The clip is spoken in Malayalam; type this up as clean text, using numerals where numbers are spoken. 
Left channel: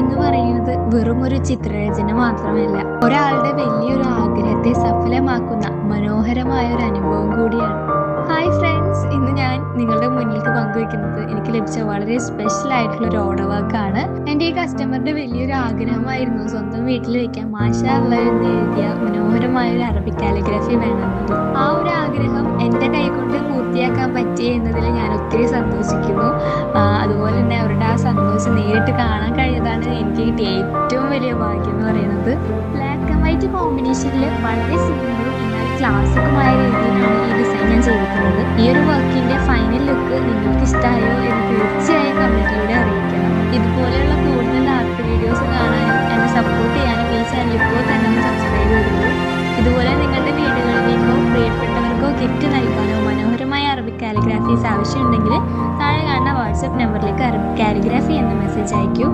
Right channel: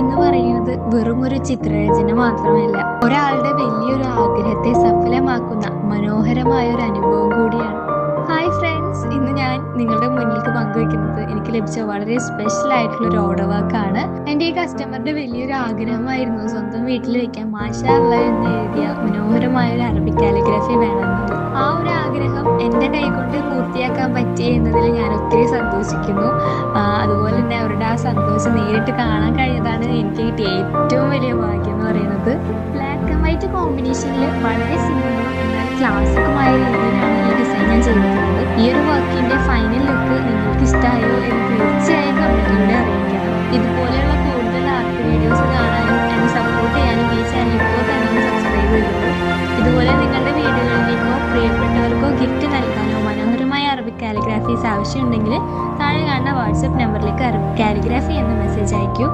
എന്ന് പറയുന്നത് വെറും ഒരു ചിത്രരചന മാത്രമല്ല, ഒരാളുടെ വലിയൊരു ആഗ്രഹത്തെ സഫലമാക്കുന്ന മനോഹരമായ ഒരു അനുഭവം കൂടിയാണ്. ഹായ് ഫ്രണ്ട്സ്, ഇന്ന് ഞാൻ നിങ്ങളുടെ മുന്നിലേക്ക് പങ്കുവെക്കുന്നത് എനിക്ക് ലഭിച്ച വളരെ സ്പെഷ്യൽ ആയിട്ടുള്ള ഒരു ഓർഡർ വർക്കാണ്. എൻ്റെ ഈ കസ്റ്റമറുടെ വലിയൊരു ആഗ്രഹമായിരുന്നു സ്വന്തം വീട്ടിൽ വെക്കാൻ മാഷാ അല്ലാഹ് എന്ന് എഴുതിയ മനോഹരമായ ഒരു അറബിക് കാലിഗ്രഫി വേണമെന്നത്. ആ ഒരു ആഗ്രഹം എൻ്റെ കൈകൊണ്ട് പൂർത്തിയാക്കാൻ പറ്റി എന്നതിൽ ഞാൻ ഒത്തിരി സന്തോഷിക്കുന്നു. അതുപോലെ തന്നെ അവരുടെ ആ സന്തോഷം നേരിട്ട് കാണാൻ കഴിയതാണ് എനിക്ക് കിട്ടിയ ഏറ്റവും വലിയ ഭാഗ്യം എന്ന് പറയുന്നത്. ബ്ലാക്ക് ആൻഡ് വൈറ്റ് കോമ്പിനേഷനിൽ വളരെ സിമ്പിളും എന്നാൽ ക്ലാസിക്കുമായ രീതിയിലാണ് ഈ ഡിസൈൻ ഞാൻ ചെയ്തിട്ടുള്ളത്. ഈ ഒരു വർക്കിന്റെ ഫൈനൽ ലുക്ക് നിങ്ങൾക്ക് ഇഷ്ടമായോ എന്ന് തീർച്ചയായും കമന്റിലൂടെ അറിയിക്കണം. ഇതുപോലെയുള്ള കൂടുതൽ ആർട്ട് വീഡിയോസ് കാണാനും എന്നെ സപ്പോർട്ട് ചെയ്യാനും ഈ ചാനൽ ഇപ്പോൾ തന്നെ ഒന്ന് സബ്സ്ക്രൈബ് ചെയ്തോളൂ. ഇതുപോലെ നിങ്ങളുടെ വീടുകളിലേക്കോ പ്രിയപ്പെട്ടവർക്കോ ഗിഫ്റ്റ് നൽകാനോ മനോഹരമായ അറബിക് കാലിഗ്രാഫീസ് ആവശ്യമുണ്ടെങ്കിൽ താഴെ കാണുന്ന വാട്സപ്പ് നമ്പറിലേക്ക് അറബിക് കാലിഗ്രാഫി എന്ന മെസ്സേജ് അയക്കൂ.